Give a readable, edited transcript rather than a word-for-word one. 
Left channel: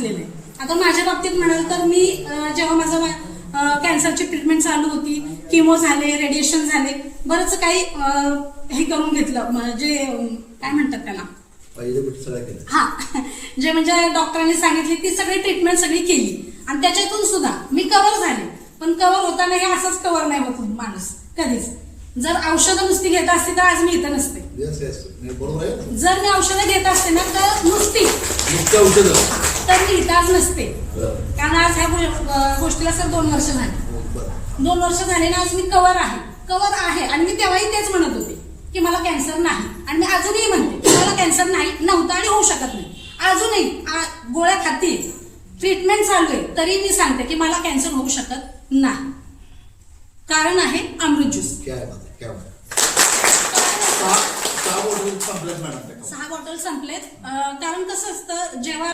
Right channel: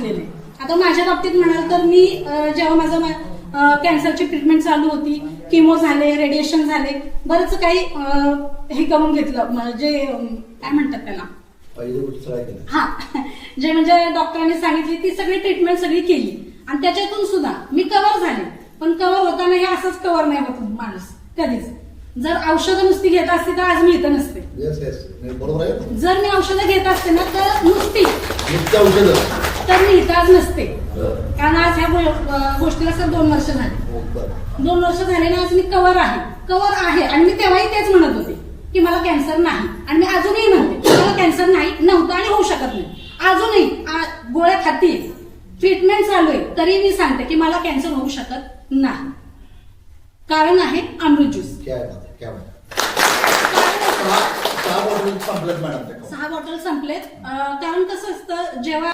सांगितलेलं आहे. आता माझ्या बाबतीत म्हणाल तर मी जेव्हा माझं कॅन्सरची ट्रीटमेंट चालू होती, किमो झाले, रेडिएशन झाले, बरंच काही हे करून घेतलं, म्हणजे काय म्हणतात त्याला, हा, जे म्हणजे डॉक्टरांनी सांगितली ती सगळी ट्रीटमेंट सगळी केली आणि त्याच्यातून सुद्धा मी कव्हर झाले. पण कव्हर होताना हे असंच कव्हर नाही होत माणूस कधीच. जर औषधं नुसती घेत असते तर आज मी इथं नसते. जर मी औषधं घेत असते ना तर नुसती औषधं तर मी इथं आज नसते. कारण आज ह्या गोष्टीला सर 2 वर्ष झाली. 2 वर्ष झाले ना, आज मी कव्हर आहे आणि मी तेव्हाही तेच म्हणत होते की मला कॅन्सर नाही, आणि मी अजूनही म्हणते की मला कॅन्सर नाही, नव्हता आणि होऊ शकत नाही. अजूनही गोळ्या खाती, ट्रीटमेंट चालू आहे, तरी मी सांगते की मला कॅन्सर होऊ शकत नाही. कारण आहे अमृत ज्यूस. 6 बॉटल संपलेत. कारण कसं असतं, जेव्हा